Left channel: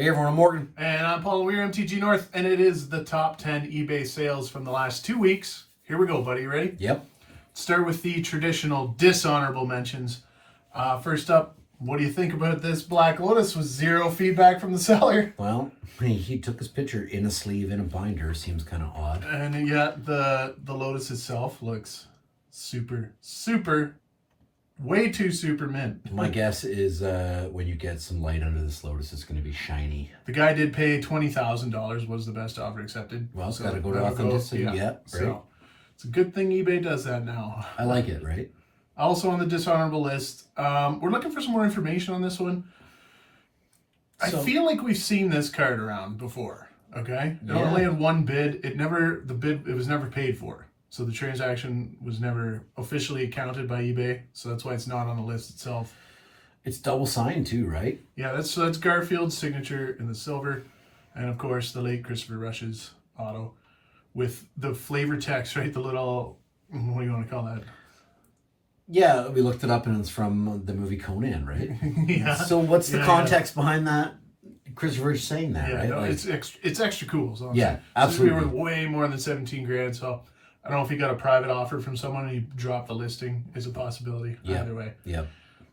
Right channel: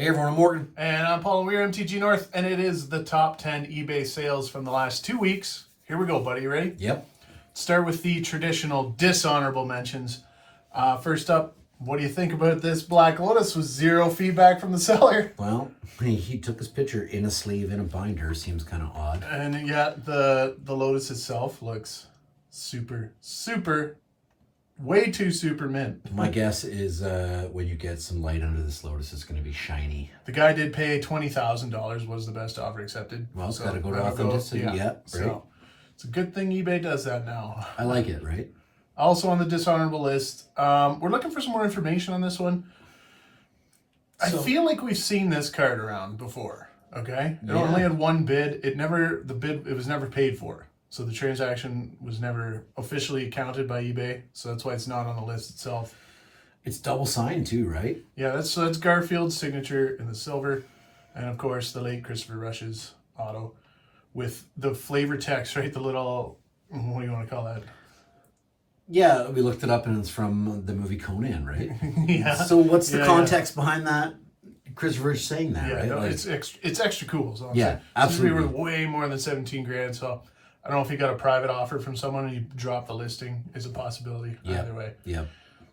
Hey everyone, I'm Morgan. And I'm Paul, and we're MTG North, and it is the top 10 eBay sales from the last 2 weeks. Here we go, buddy. You ready? Yep. Start with the traditional dishonorable mentions. First up, what do you think about this Black Lotus with zero feedback from the seller? Well, he took his picture in a sleeve in a binder. Seems kind of odd. And yet the Lotus itself looks super, way too super mint. My guess is when you get some light under this Lotus, it's going to be shiny. The guy did pay $20,000, was the best offer accepted. Well, it's got to go to authenticity. Yeah, right. So it's a good thing eBay does that now. I like it, right? Also on the dishonorable list, we're looking for some more information on this one. I feel like we've seen this card around before. Okay, it only had one bid. It was never paid for. So the transaction was never officially accounted by eBay. So that's why it's not on the list itself. It's double signed too, right? Yeah, that's Garfield's signature in the silver, and of course the late Christopher Rush's auto with the flavor text, right? The little, what do you want to call that? Yeah, we looked it up and it's from the movie Conan, right? Yeah. So what's the context behind that? Christopher saying that, right? No, like, it's extra cool. So yeah, absolutely. We were way more than 17 grand. So I don't know if he got a private offer from someone and he dropped the listing. Is a possibility. Either way. Yep.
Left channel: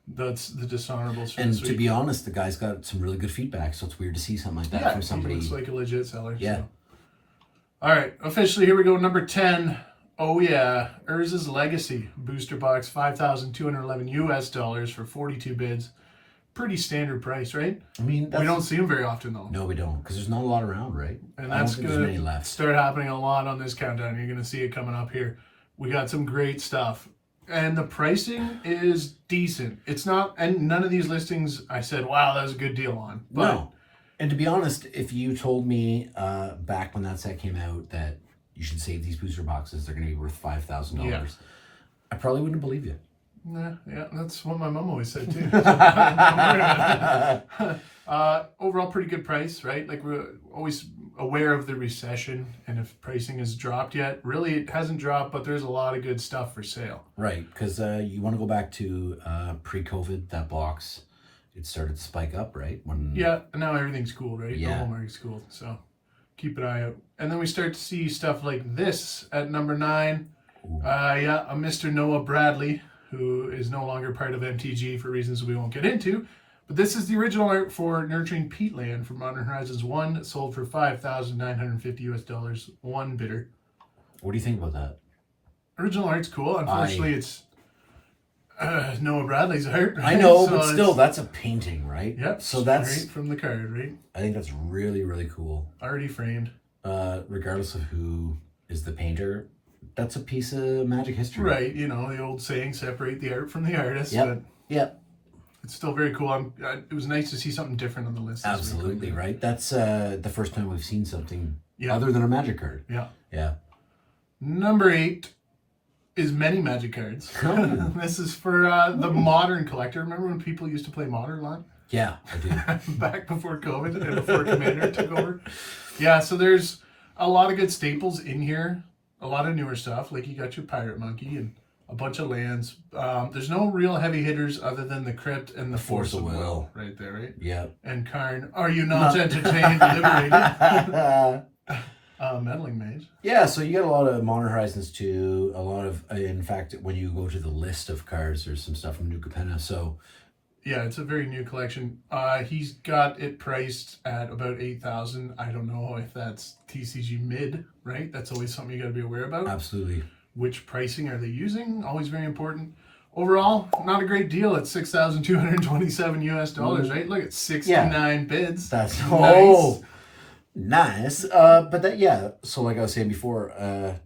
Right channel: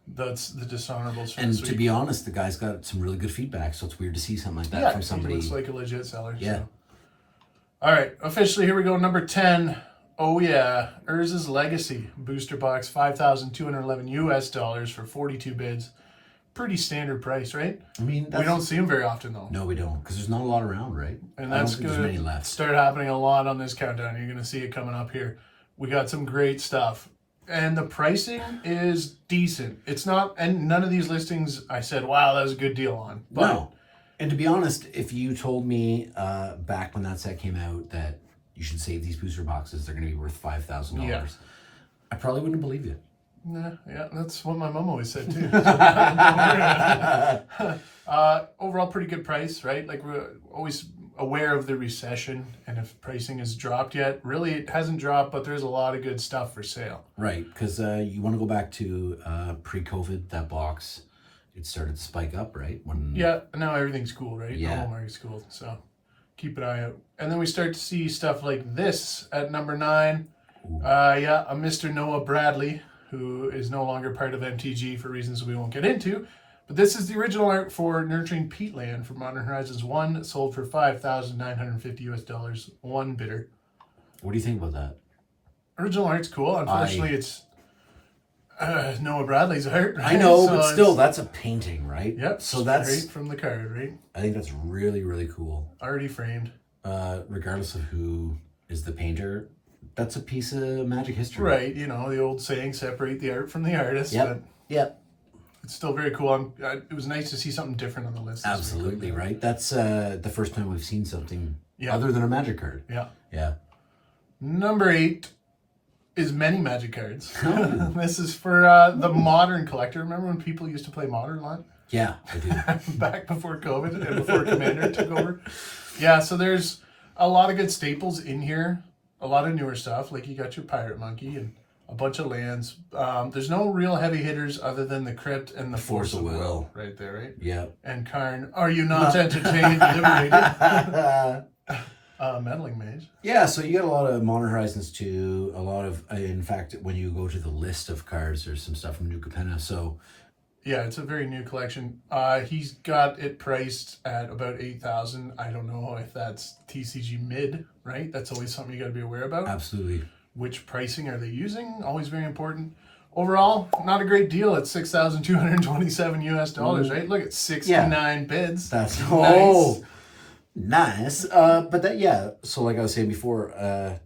That's the dishonorables. And to be honest, the guy's got some really good feedback, so it's weird to see something like that from somebody. He looks like a legit seller. Yeah. So. All right, officially here we go. Number 10. Oh yeah, Urzas Legacy Booster Box, $5,211 for 42 bids. Pretty standard price, right? I mean, we don't see them very often though. No, we don't, because there's not a lot around, right? And that's going to start happening a lot on this countdown. You're going to see it coming up here. We got some great stuff. And the pricing is decent. It's not, and none of these listings I said, wow, that was a good deal on. But no. And to be honest, if you told me back when that set came out that you should save these booster boxes, they're going to be worth $5,000, I probably wouldn't believe you. Nah, yeah, that's what my mom always said too. Overall, pretty good price, right? Like, we're always aware of the recession, and if pricing has dropped yet, really it hasn't dropped, but there's a lot of good stuff for sale. Right, because you want to go back to pre-COVID, that box, it started to spike up, right? Yeah, and now everything's cool, right? Yeah. The whole market's cool, so keep an eye out. And then we start to see stuff like this at number 9. A Mr. Noah Bradley, who is no longer part of MTG for reasons we won't get into. But this is the original art for Nurturing Peatland from Modern Horizons 1, sold for $5,950 one bidder. What do you think about that? Original art's cool. Unfortunately, it's Noah Bradley's art. I know, so but still, that's a painting, right? Yep. So that's straight from the card, right? I think that's really, really cool. Already framed. Regardless of who is the painter, that's a piece of Magic history. Right, you know, the old saying, separate the art from the artist. Yep, yep. It's still very cool. It was nice to see something different on the list. Absolutely, right? That's the first time we've seen something other than a Magic card. Yeah. Yeah. Number 8 is many Magic cards. Oh. This is for the Modern collector. Remember when people used to play Modern a lot? Yeah, I do. Back before COVID and before Commander took over. Yeah, so there's a lot of good staples in here. A lot of newer stuff, like you got your Pirate Monkey and a bunch of lands. There's no real heavy hitters other than the Crypt and the Force of Will. Right there, right? Yeah. And Karn, are you not entertained, liberated? Meddling Mage. Yeah, so you got a lot of Modern Horizons 2, a lot of, in fact, when you go to the list of cards, there's some stuff from New Capenna, so... Yeah, it's a very new collection. He's got it priced at about $8,000. I don't know if that's TCG mid, right? That's always something you got to be aware about. Absolutely. Which pricing are they using? Always very important. Overall, not a great deal at $6,227 right? Look at 69 bids. That's nice. But that, so like I was saying before,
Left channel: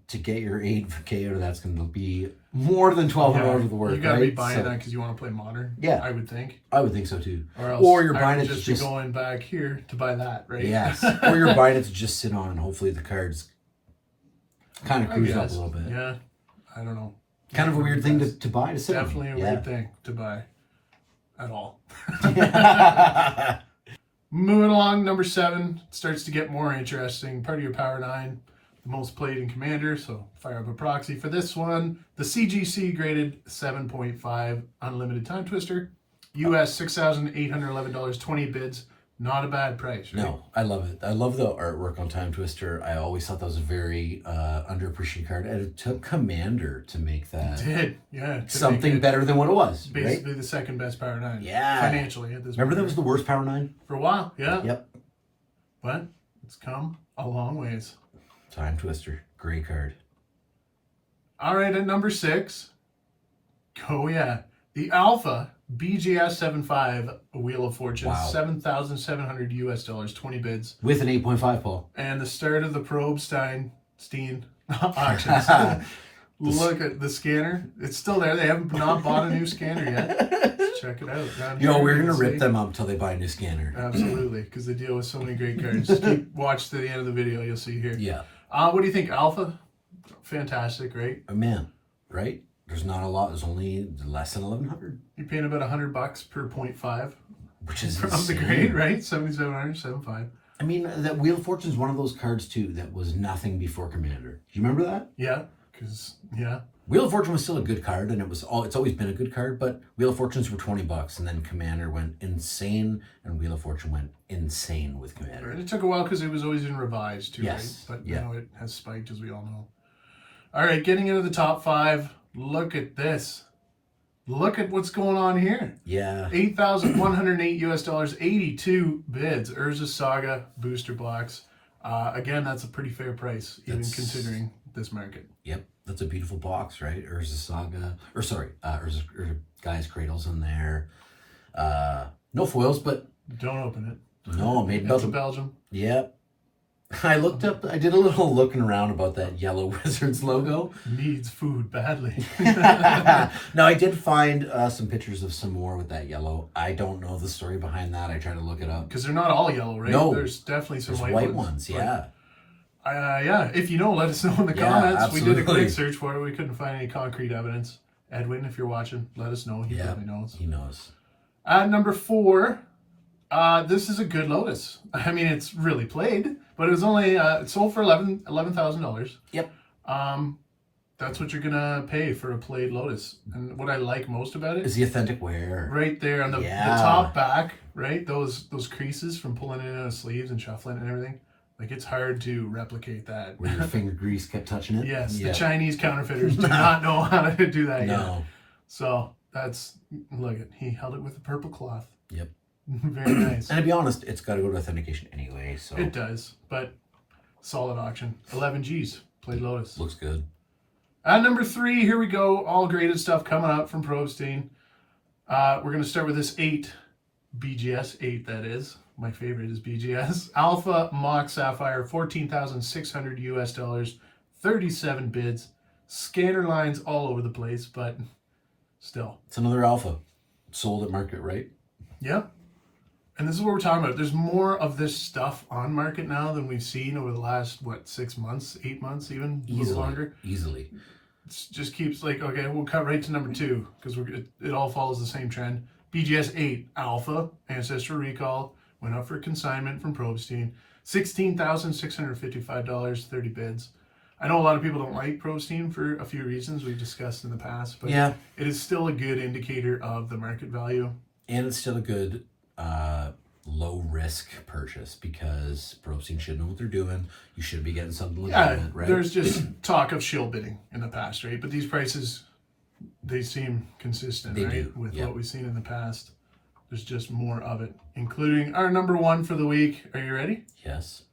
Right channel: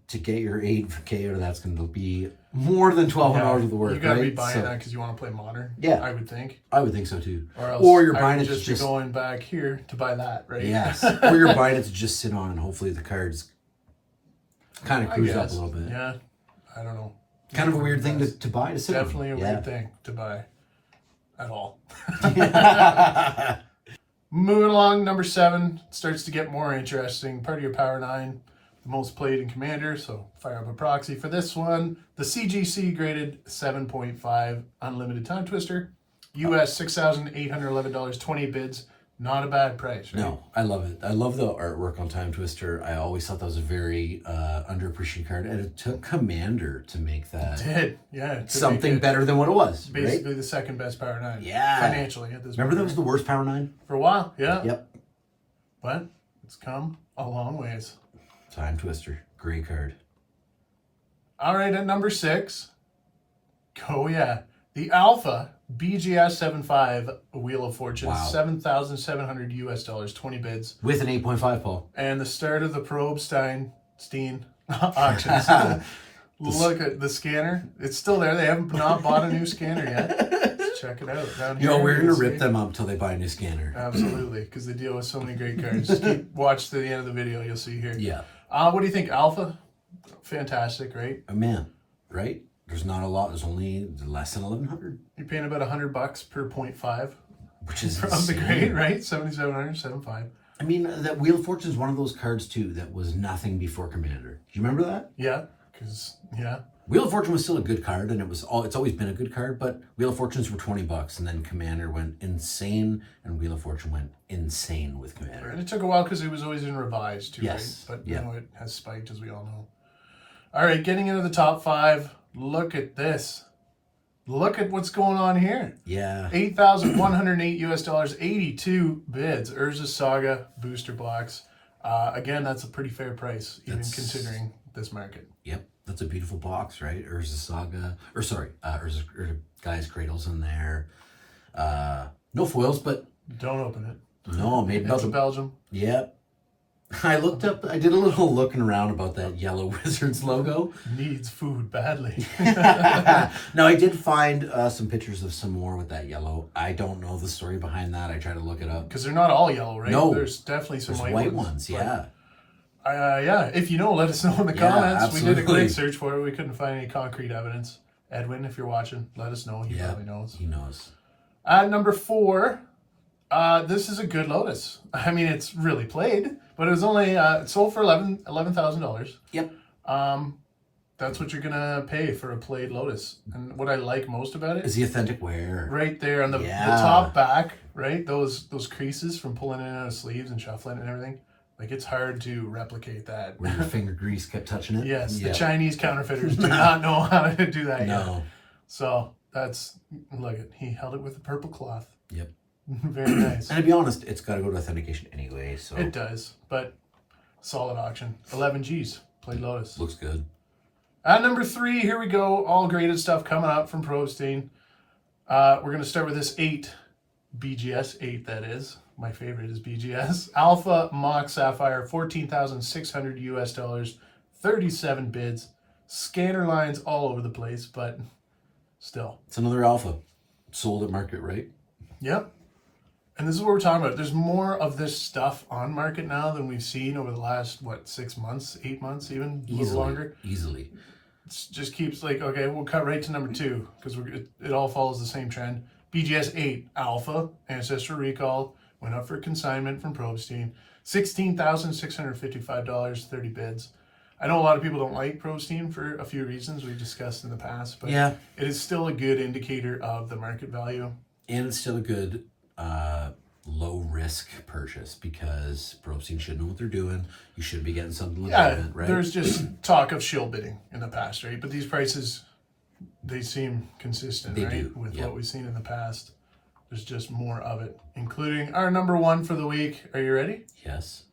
to get your 8K out of that's going to be more than $1,200 worth of work, right? You got to be buying that because you want to play Modern. Yeah. I would think. I would think so too. Or you're buying it to just going back here to buy that, right? Yes. Or you're buying it to just sit on and hopefully the cards kind of cruise up a little bit. Yeah. I don't know. Kind of a weird thing to buy, to sit on. Definitely a weird thing to buy at all. Moving along, number 7 starts to get more interesting. Part of your Power 9, the most played in Commander, so fire up a proxy for this one. The CGC graded 7.5 Unlimited Time Twister. US $6,811, 20 bids. Not a bad price, right? No, I love it. I love the artwork on Time Twister. I always thought that was a very underappreciated card, and it took Commander to make that It did, yeah. something better than what it was. Basically right? the second best Power 9. Yeah. Financially at this Remember point. that was the worst Power 9? For a while, yeah. Yep. But it's come a long ways. Time Twister. Great card. All right, at number 6. Oh, yeah. The Alpha BGS 7.5 Wheel of Fortune. Wow. $7,700 US, 20 bids. With an 8.5, Paul. And the start of the Probstein auctions. Look at the scanner. It's still there. They haven't not bought a new scanner yet. Check it out. Down Yo, here, we're you going to can rip see. them up until they buy a new scanner. Absolutely, because they deal with so many great cards. Just watch to the end of the video. You'll see here. Yeah. What do you think, Alpha? Fantastic, right? Man, right? There's not a lot. There's only less than 1,100. You're paying about $100 per 0.5 Which is of the insane. grade, right? 7,700, 7.5. I mean, that Wheel of Fortune is one of those cards, too, that was nothing before Commander. Do you remember that? Yeah, because, yeah. Wheel of Fortune was still a good card, and it's always been a good card, but Wheel of Fortunes were $20, and then Commander went insane, and Wheel of Fortune went insane with Commander. And it took a while because it was always in revised, too, Yes, right? But, yeah. you know, it has spiked, as we all know. All right, getting into the top 5. Look at this. Look at what's going on here. Yeah. $8,108 US, 82 bids. Urzas Saga Booster Box. Again, that's a pretty fair price, even considering this market. Yep. That's a beautiful box, right? Urzas Saga. Urzas Guy's Cradles in there. No foils, but Don't open it. no, made in It's Belgium. Belgium. Yep. I did a little looking around about that yellow Wizards logo. Needs food badly. No, I did find some pictures of some more with that yellow. I don't know the story behind that. I tried to look it up. Because they're not all yellow, right? No. There's definitely some There's white ones, but, yeah. yeah, if you know, let us know in the Yeah, comments. We did a absolutely. quick search for it. We couldn't find any concrete evidence. Edwin, if you're watching, let us know. He probably knows. He knows. Number 4, this is a good Lotus. I mean, it's really played, but it was only it sold for $11,000. Yep. That's what you're gonna pay for a played Lotus. And what I like most about it Is the authentic wear. right there on the Yeah. top back, right? Those creases from pulling in and out of sleeves and shuffling and everything. Like, it's hard to replicate that. Where your finger grease kept touching it? Yes, Yep. the Chinese counterfeiters do not know how to do that yet. No. So that's, look at, he held it with the purple cloth. Yep. Very nice. And to be honest, it's got to go to authentication anyway, so It does, but solid auction. 11 Gs, played Lotus. looks good. At number 3, here we go. All graded stuff coming up from Probstein. We're going to start with this 8, BGS 8, that is. My favorite is BGS. Alphamox Sapphire, $14,600 US, 37 bids. Scanner lines all over the place, but still. It's another alpha. Sold at market, right? Yep. And this is what we're talking about. There's more of this stuff on market now than we've seen over the last, 6 months, 8 months even? A little longer. Easily. It just keeps like, okay, we'll cut right to number 2 because it all follows the same trend. BGS 8 Alpha Ancestor Recall went up for consignment from Probstein. $16,655, 30 bids. I know a lot of people don't like Probstein for a few reasons we've discussed in the past, but Yeah. it is still a good indicator of the market value. And it's still a good low risk purchase because Probstein should know what they're doing. You should be getting something legitimate, right? There's just talk of shill bidding in the past, right? But these prices, they seem consistent, They right? do, With yep. what we've seen in the past. There's just more of it, including our number 1 for the week. Are you ready? Yes.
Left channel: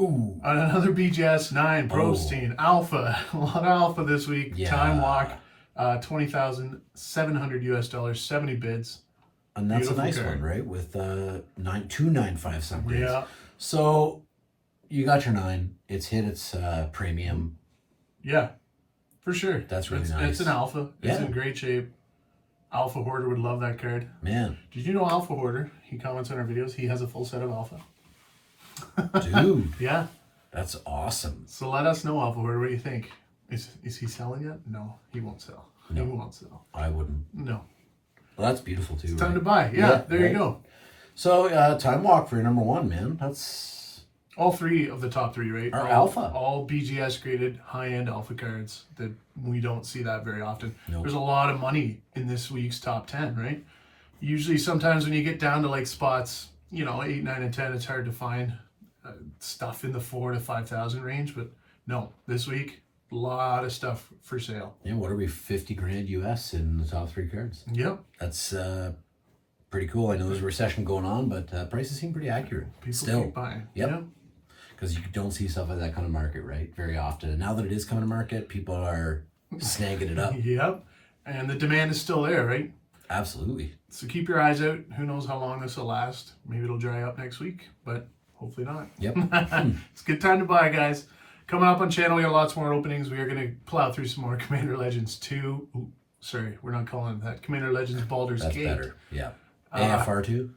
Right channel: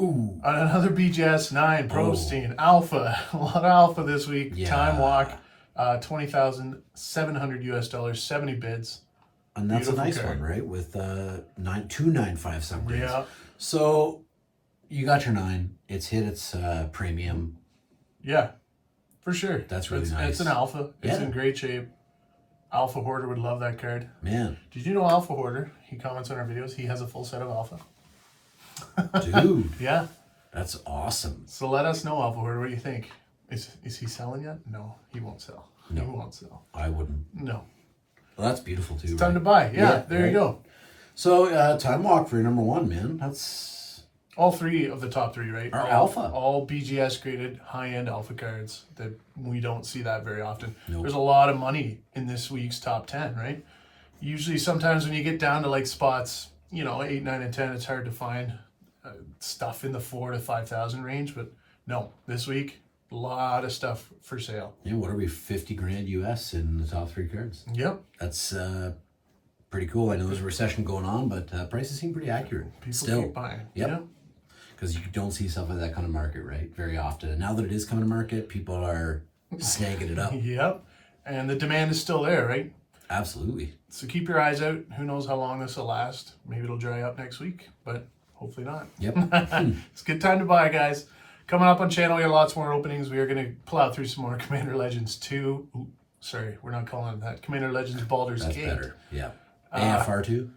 Ooh. Another BGS 9 Probstein Alpha. A lot of alpha this week. Yeah. Time Walk, $20,700 US, 70 bids. And that's Beautiful a nice card. one, right? With 295 some bids. Yeah. So you got your 9. It's hit its premium. Yeah, for sure. That's really It's nice. an alpha. It's Yeah. in great shape. Alpha Hoarder would love that card. Man. Did you know Alpha Hoarder, he comments on our videos, he has a full set of Alpha? Dude. Yeah. That's awesome. So let us know, Alpha Hoarder, what do you think? Is he selling yet? No, he won't sell. No. He won't sell. I wouldn't. No. Well, that's beautiful too, Time right? to buy. Yeah, there right? you go. So, Time Walk for your number 1, man. That's All 3 of the top 3, right? our alpha. All BGS graded high-end alpha cards that we don't see that very often. Nope. There's a lot of money in this week's top 10, right? Usually sometimes when you get down to like spots you know, 8, 9, and 10, it's hard to find stuff in the 4 to 5,000 range. But no, this week, a lot of stuff for sale. Yeah, what are we, 50 grand US in the top 3 cards? Yep. That's pretty cool. I know there's a recession going on, but prices seem pretty accurate. People Still. keep buying. Yep. Because you don't see stuff like that kind of market, right? Very often. And now that it is coming to market, people are snagging it up. Yep. And the demand is still there, right? Absolutely. So keep your eyes out. Who knows how long this will last? Maybe it'll dry up next week, but hopefully not. Yep. It's a good time to buy, guys. Coming up on channel, we got lots more openings. We are going to plow through some more Commander Legends 2. Ooh, sorry, we're not calling it that. Commander Legends Baldur's That's Gate. better. Yeah. AFR2?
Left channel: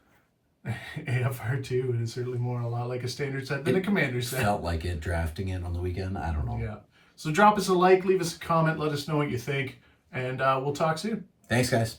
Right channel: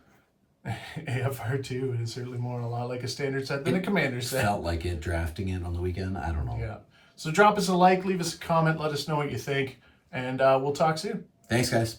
AFR2 is certainly more a lot like a standard set than a Commander set. Felt like it drafting it on the weekend. I don't know. Yeah. So drop us a like, leave us a comment, let us know what you think, and we'll talk soon. Thanks, guys.